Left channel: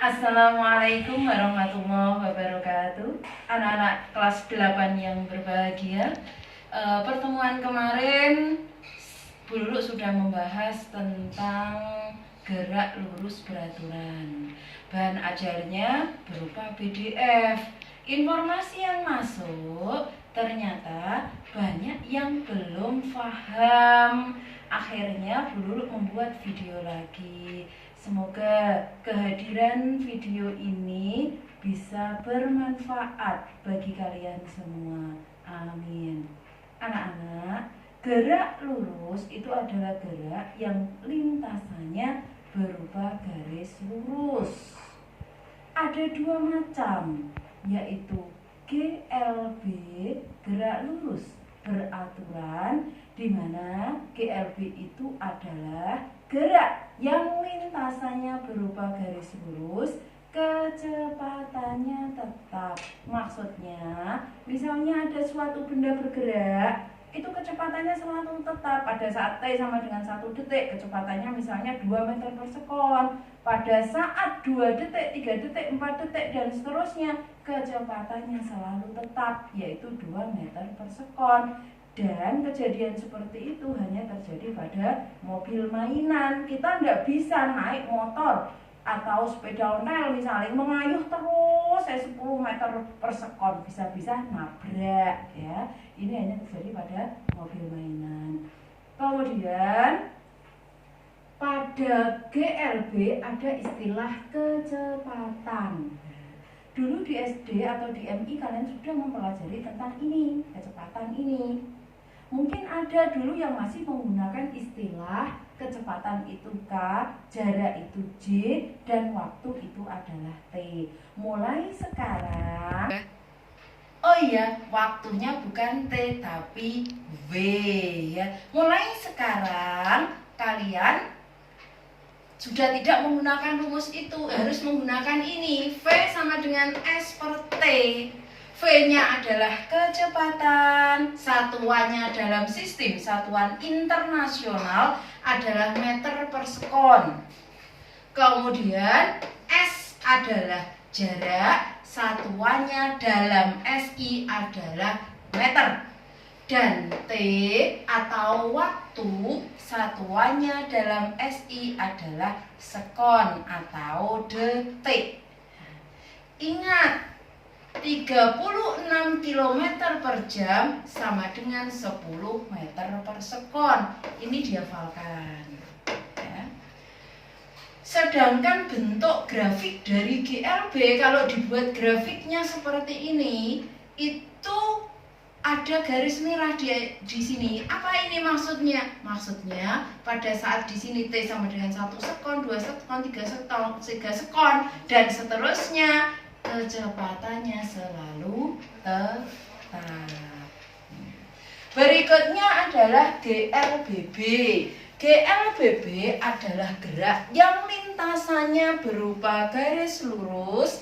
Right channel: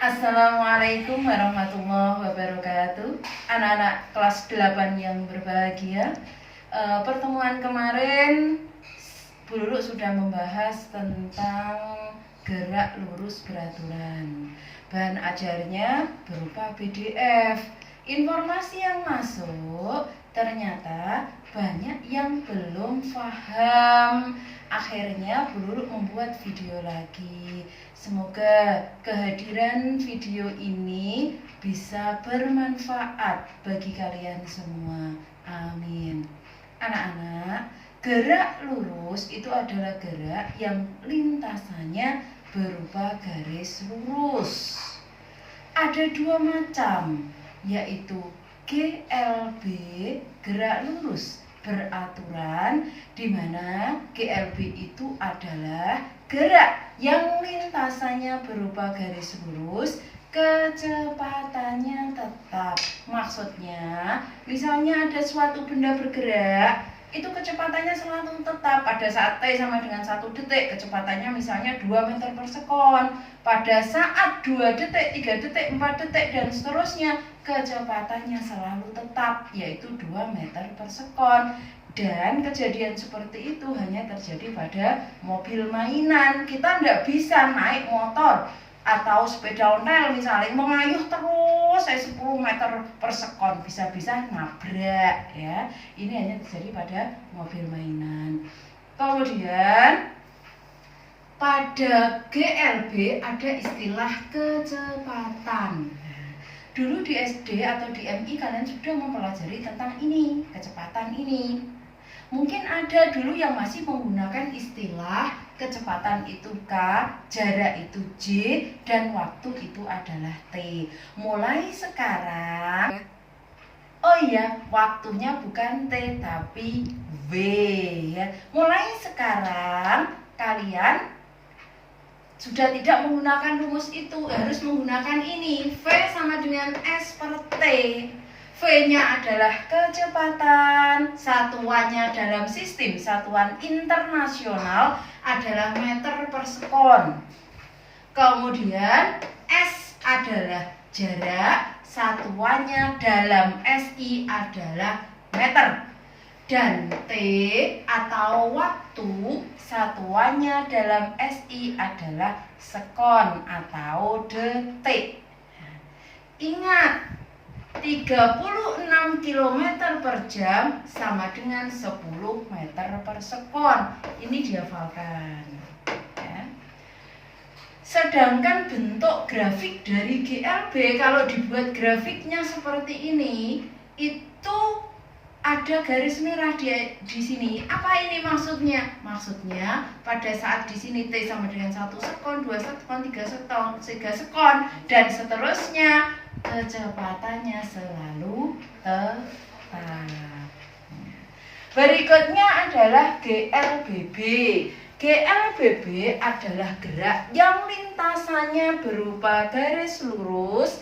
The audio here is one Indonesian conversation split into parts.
Assalamualaikum warahmatullahi wabarakatuh. Anak-anak kelas 8 yang berbahagia. Pertemuan kemarin Bu Lulu sudah membahas tentang gerak lurus beraturan. Bahan ajarnya berupa PDF. Informasi yang masuk ternyata banyak yang belum paham. Akhirnya Bu Lulu membuat video lagi. Semoga kehadiran video ini bisa bermanfaat bagi kalian semua. Amin. Anak-anak, gerak lurus itu adalah gerak yang lintasannya berupa garis lurus. Ada dua macam, yaitu GLB, gerak lurus beraturan, di mana GLB itu adalah gerak yang lintasannya berupa garis lurus, kecepatannya tetap. Maksudnya, misalnya ada suatu benda bergerak, itu kecepatannya selalu tetap. Pada saat T sama dengan 1 detik, kecepatannya misalnya 2 meter per sekon. Pada saat 2 detik, 3 detik, 4 detik, dan seterusnya, kecepatannya selalu tetap, yaitu 2 meter per sekon. Dan kejadian seperti itu hanya terjadi pada mobil mainan. Kita tidak bisa naik motor atau sepeda ontel misalnya mengayuh terus 10 meter per sekon, bisa-bisa nabrak ya. Ini hanya terjadi pada mobil mainan. Kemudian pada GLB ada istilah kecepatan. Dulu di SD atau di MI kalian sudah mempelajari tentang ini, kecepatan ini. Mungkin ada dulu yang masih menggunakan istilah kecepatan itu K, jarak itu J, dan waktu itu adalah T. Mulai sekarang, oh iya, waktunya bukan T tapi V ya. Mulai sekarang kalian sudah tidak menggunakan rumus itu, harus menggunakan ini. V sama dengan S per T. V-nya adalah kecepatan, satuannya dalam sistem satuan internasional adalah meter per sekon. Kemudian S adalah jarak, satuannya dalam SI adalah meter. Dan T atau waktu, satuannya dalam SI adalah sekon atau detik. Ingat, 36 km per jam sama dengan 10 meter per sekon. Ini dihafalkan ya. Sedangkan bentuk grafik dari GLB, kalau dibuat grafiknya seperti ini, itu ada garis merah di sini. Apa ini maksudnya? Maksudnya pada saat di sini T sama dengan 1 sekon, 2 sekon, 3 sekon, dan seterusnya, kecepatannya selalu tetap. Berikutnya adalah GLBB. GLBB adalah gerak yang lintasannya berupa garis lurus,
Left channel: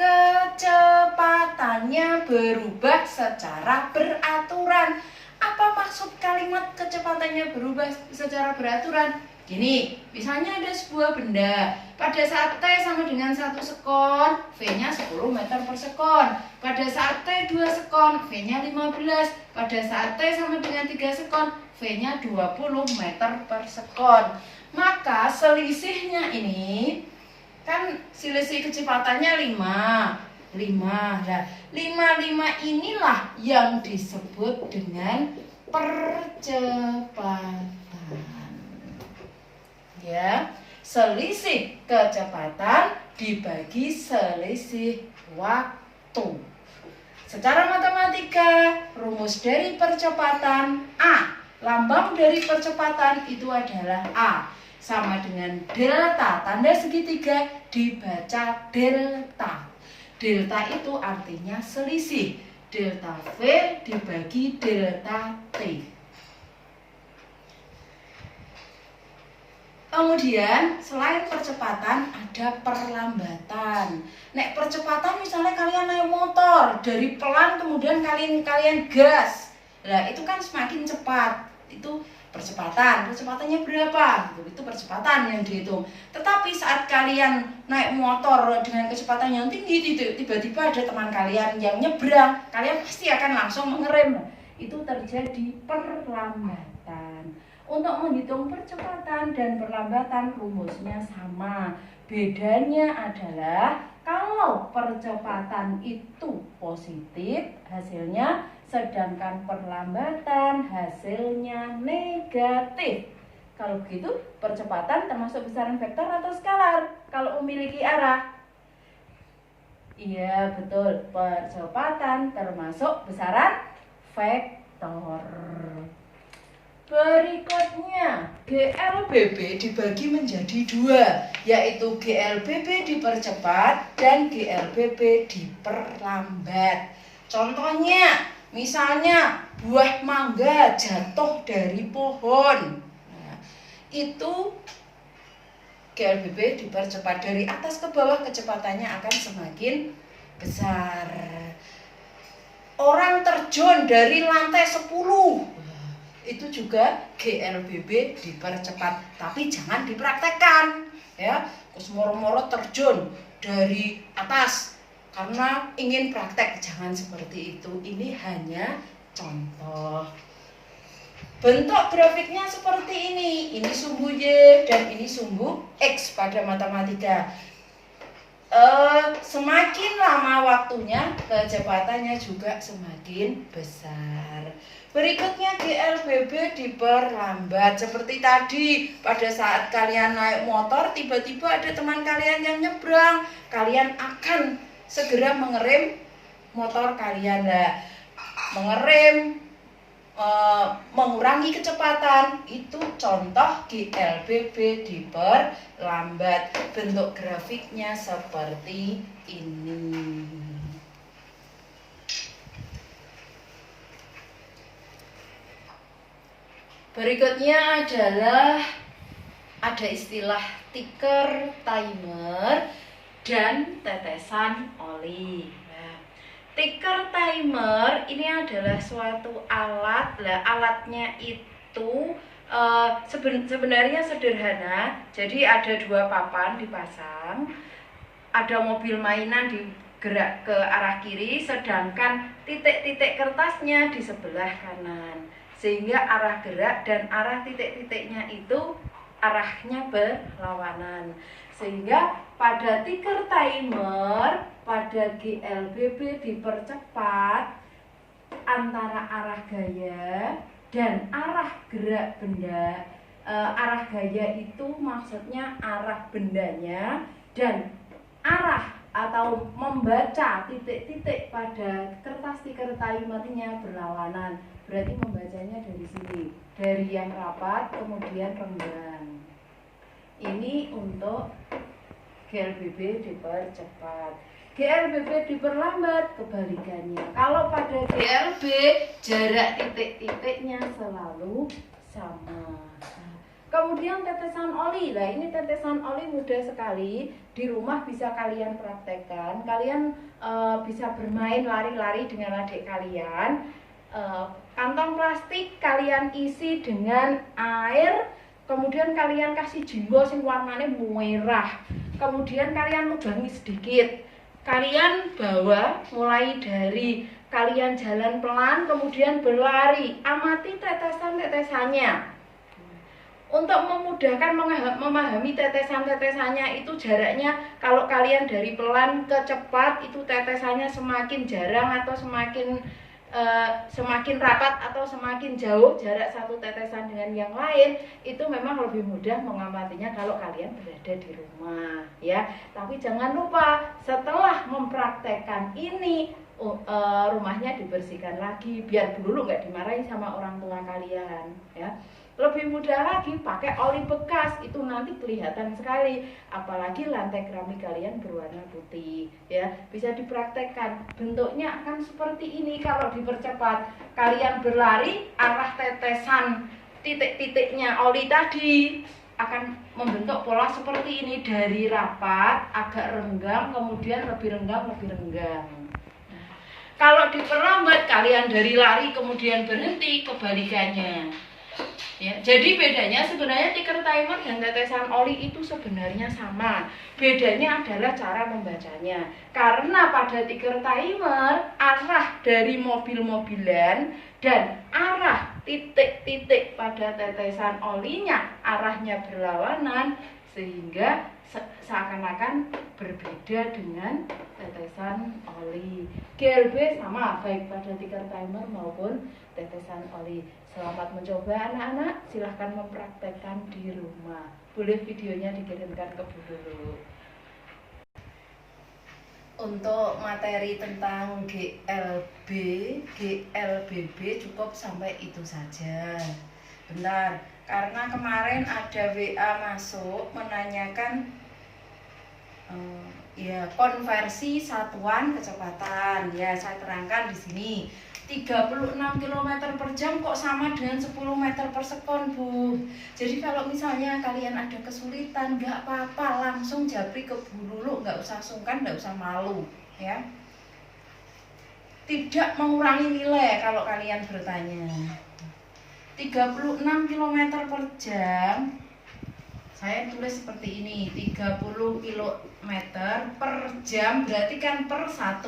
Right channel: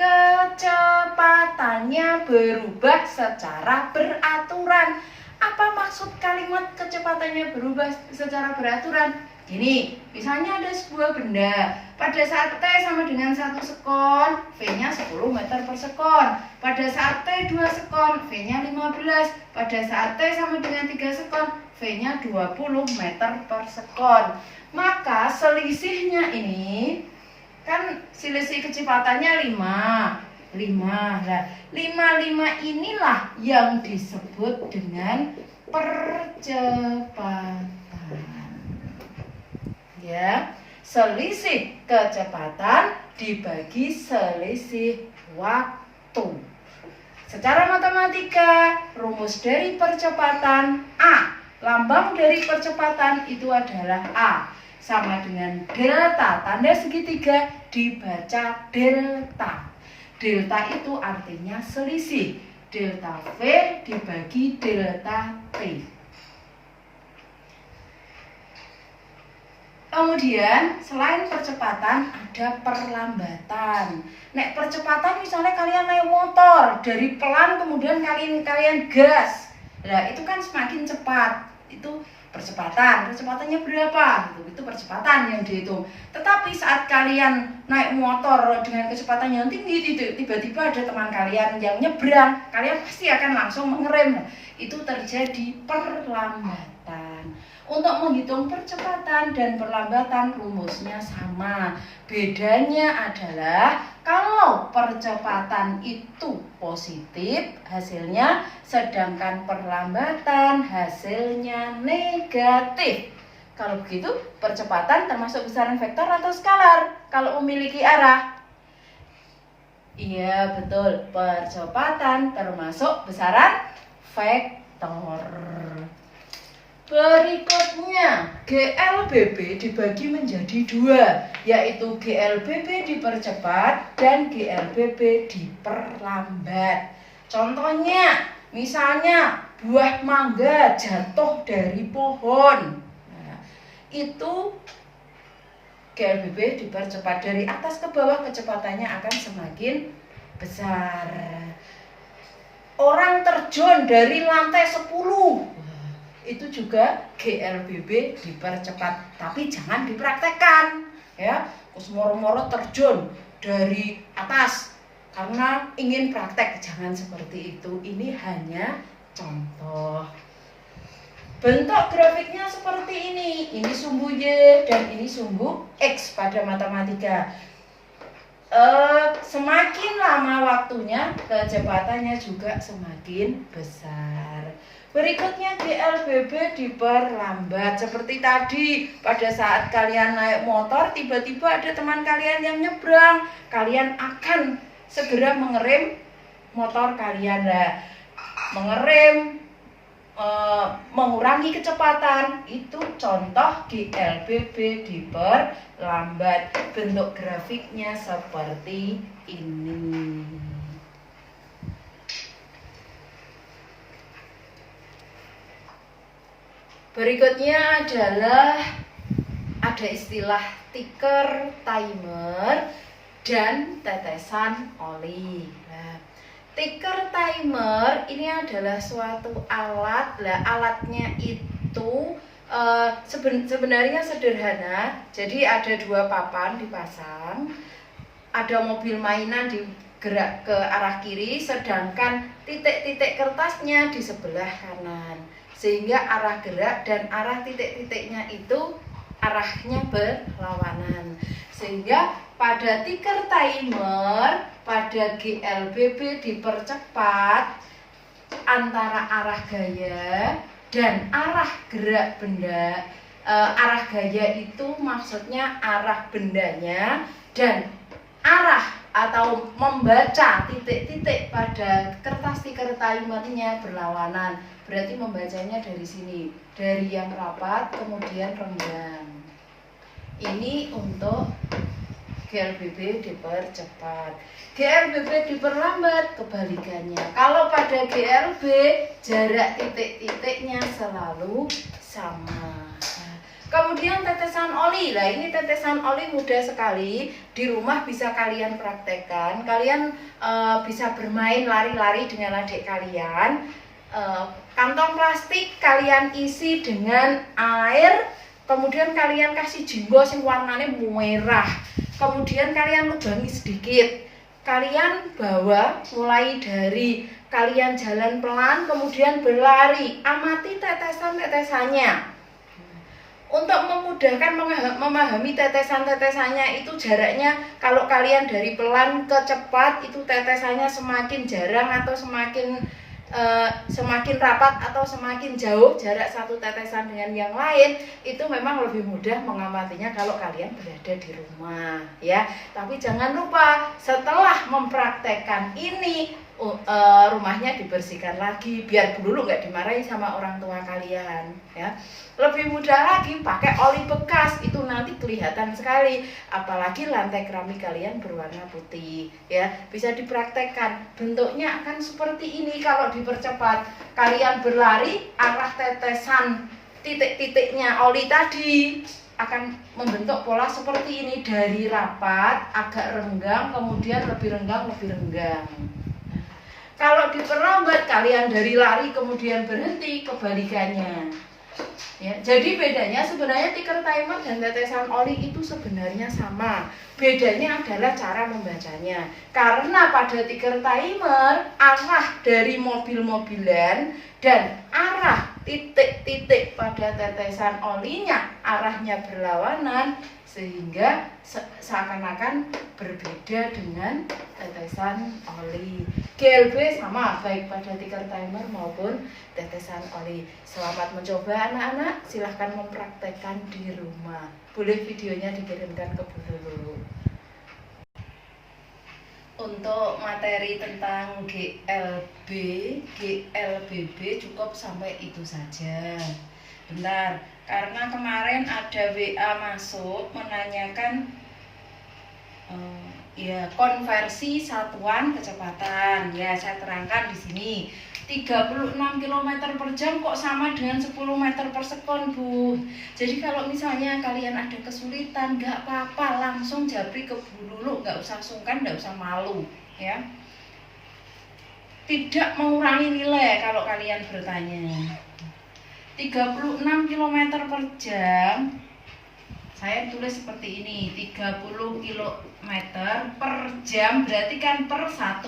kecepatannya berubah secara beraturan. Apa maksud kalimat kecepatannya berubah secara beraturan? Gini, misalnya ada sebuah benda, pada saat T sama dengan 1 sekon, V-nya 10 meter per sekon. Pada saat T 2 sekon, V-nya 15. Pada saat T sama dengan 3 sekon, V-nya 20 meter per sekon. Maka selisihnya ini, kan selisih kecepatannya 5. Nah, 5 inilah yang disebut dengan percepatan. Ya, selisih kecepatan dibagi selisih waktu. Secara matematika, rumus dari percepatan A, lambang dari percepatan itu adalah A, sama dengan delta, tanda segitiga dibaca delta. Delta itu artinya selisih, delta V dibagi delta T. Kemudian selain percepatan ada perlambatan. Nek percepatan misalnya kalian naik motor dari pelan kemudian kalian gas. Nah, itu kan semakin cepat. Itu Kecepatannya berapa? Itu percepatan yang dihitung. Tetapi saat kalian naik motor dengan kecepatan yang tinggi, tiba-tiba ada teman kalian yang nyebrang, kalian pasti akan langsung mengerem. Itu terjadi perlambatan. Untuk menghitung percepatan dan perlambatan rumusnya sama. Bedanya adalah kalau percepatan itu positif hasilnya, sedangkan perlambatan hasilnya negatif. Kalau begitu, percepatan termasuk besaran vektor atau skalar kalau memiliki arah? Iya, betul. Percepatan termasuk besaran vektor. Berikutnya, GLBB dibagi menjadi dua, yaitu GLBB dipercepat dan GLBB diperlambat. Contohnya, misalnya buah mangga jatuh dari pohon. Nah, itu GLBB dipercepat, dari atas ke bawah kecepatannya akan semakin besar. Orang terjun dari lantai 10, itu juga GLBB dipercepat, tapi jangan dipraktekkan ya. Terus moro-moro terjun dari atas karena ingin praktek, jangan seperti itu. Ini hanya contoh. Bentuk grafiknya seperti ini sumbu Y dan ini sumbu X pada matematika. Semakin lama waktunya, kecepatannya juga semakin besar. Berikutnya GLBB diperlambat. Seperti tadi, pada saat kalian naik motor, tiba-tiba ada teman kalian yang nyebrang, kalian akan segera mengerem motor kalian. Lah, mengerem, mengurangi kecepatan, itu contoh GLBB diperlambat. Bentuk grafiknya seperti ini. Berikutnya adalah ada istilah tiker, timer, dan tetesan oli. Nah, tiker timer ini adalah suatu alat. Alatnya itu sebenarnya sederhana. Jadi ada dua papan dipasang, ada mobil mainan digerak ke arah kiri, sedangkan titik-titik kertasnya di sebelah kanan. Sehingga arah gerak dan arah titik-titiknya itu arahnya berlawanan. Sehingga pada tiker timer, pada GLBB dipercepat, antara arah gaya dan arah gerak benda. Arah gaya itu maksudnya arah bendanya, dan arah atau membaca titik-titik pada kertas tiker timernya berlawanan. Berarti membacanya dari sini, dari yang rapat kemudian renggang. Ini untuk GLBB dipercepat. GLBB diperlambat, kebalikannya. Kalau pada GLB jarak titik-titiknya selalu sama. Kemudian tetesan oli. Nah, ini tetesan oli mudah sekali. Di rumah bisa kalian praktekkan. Kalian bisa bermain lari-lari dengan adik kalian. Kantong plastik kalian isi dengan air, kemudian kalian kasih jumbo yang warnanya merah, kemudian kalian lubangi sedikit. Kalian bawa mulai dari kalian jalan pelan, kemudian berlari, amati tetesan-tetesannya. Untuk memudahkan memahami tetesan-tetesannya, itu jaraknya kalau kalian dari pelan ke cepat, itu tetesannya semakin jarang atau semakin rapat atau semakin jauh jarak satu tetesan dengan yang lain, itu memang lebih mudah mengamatinya kalau kalian berada di rumah ya. Tapi jangan lupa setelah mempraktekkan ini, rumahnya dibersihkan lagi biar dulu nggak dimarahi sama orang tua kalian ya. Lebih mudah lagi pakai oli bekas, itu nanti kelihatan sekali, apalagi lantai keramik kalian berwarna putih ya. Bisa dipraktekkan, bentuknya akan seperti ini. Kalau dipercepat, kalian berlari, arah tetesan titik-titiknya oli tadi akan membentuk pola seperti ini, dari rapat, agak renggang, kemudian lebih renggang, lebih renggang. Kalau diperlambat, kalian dari lari kemudian berhenti, kebalikannya. Ya, jadi bedanya sebenarnya ticker timer dan tetesan oli itu sebenarnya sama. Bedanya adalah cara membacanya. Karena pada ticker timer arah dari mobil-mobilan dan arah titik-titik pada tetesan olinya arahnya berlawanan, sehingga seakan-akan berbeda dengan tetesan oli. GLB sama baik pada ticker timer maupun tetesan oli. Selamat mencoba anak-anak, silahkan mempraktekkan di rumah. Boleh videonya dikirimkan ke Bu Guru. Untuk materi tentang GLB, GLBB cukup sampai itu saja. Benar, karena kemarin ada WA masuk menanyakan konversi satuan kecepatan. Ya, saya terangkan di sini. 36 km per jam kok sama dengan 10 meter per sekon, Bu. Jadi kalau misalnya kalian ada kesulitan, nggak apa-apa, langsung japri ke Bu Lulu, nggak usah sungkan, nggak usah malu, ya. Tidak mengurangi nilai kalau kalian bertanya. 36 km per jam, saya tulis seperti ini, 30 km per jam, berarti kan per 1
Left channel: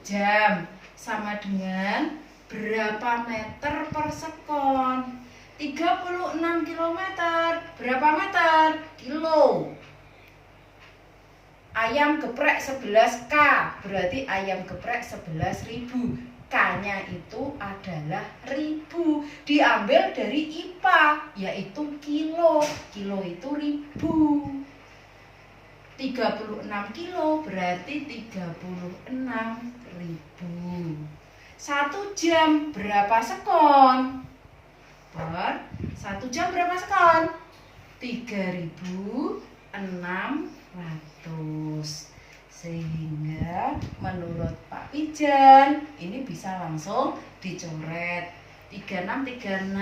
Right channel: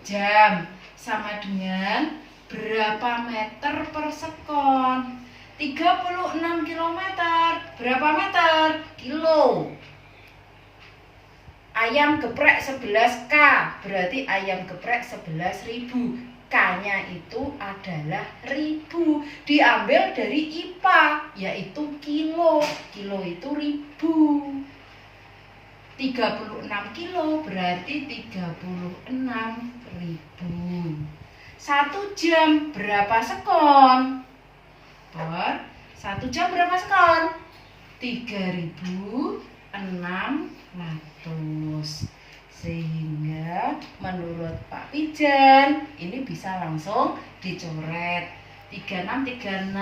jam. Sama dengan berapa meter per sekon. 36 km, berapa meter? Kilo. Ayam geprek 11K, berarti ayam geprek 11.000. K-nya itu adalah ribu, diambil dari IPA, yaitu kilo. Kilo itu ribu. 36 kilo berarti 36.000. 1 jam berapa sekon? Per 1 jam berapa sekon? 3.600. Sehingga menurut Pak Pijan ini bisa langsung dicoret. 3636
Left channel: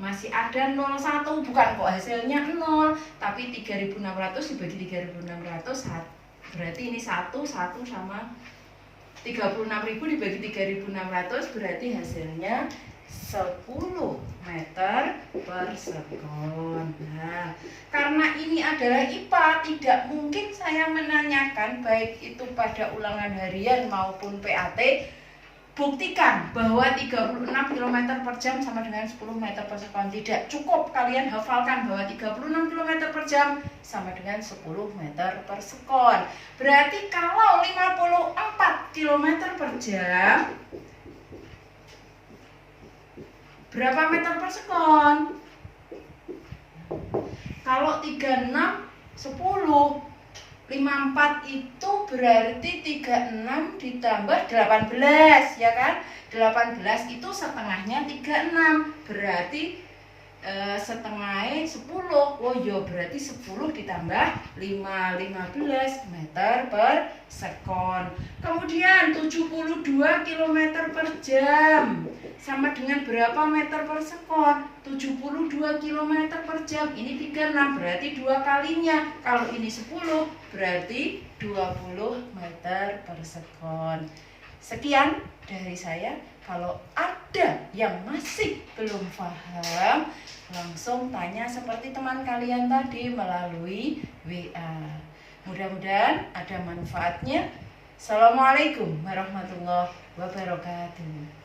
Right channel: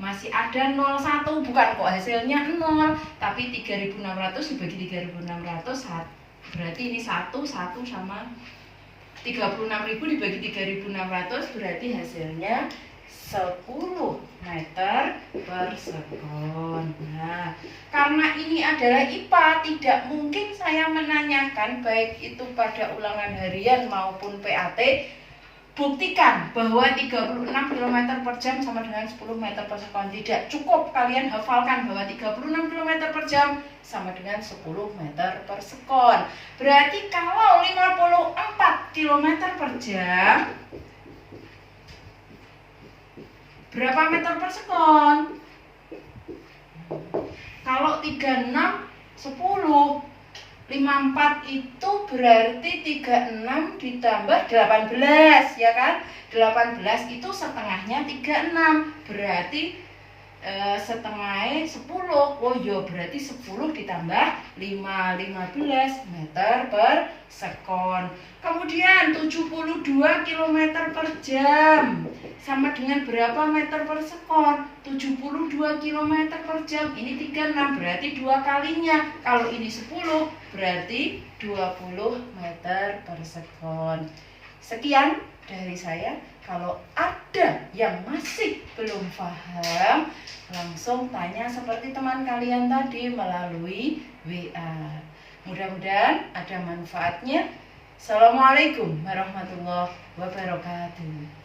masih ada 01, bukan kok hasilnya 0, tapi 3.600 dibagi 3.600 berarti ini 1 sama 36.000 dibagi 3.600 berarti hasilnya 10 meter per sekon. Nah, karena ini adalah IPA, tidak mungkin saya menanyakan baik itu pada ulangan harian maupun PAT. Buktikan bahwa 36 km per jam sama dengan 10 meter per sekon. Tidak cukup kalian hafalkan bahwa 36 km per jam sama dengan 10 meter per sekon. Berarti kalau 54 km per jam, berapa meter per sekon? Kalau 36, 10, 54 itu berarti 36 ditambah 18, ya kan? 18 itu setengahnya 36, berarti setengahnya 10. Oh iya, berarti 10 ditambah 5, 15 meter per sekon. Kemudian 72 km per jam sama dengan berapa meter per sekon? 72 km per jam. Ini 36 berarti 2 kalinya. Kalau ini 10 berarti 20 meter per sekon. Sekian dari saya. Kalau ada yang masih belum paham, langsung tanya seperti teman kalian tadi melalui WA. Mudah-mudahan ada manfaatnya. Assalamualaikum warahmatullahi wabarakatuh.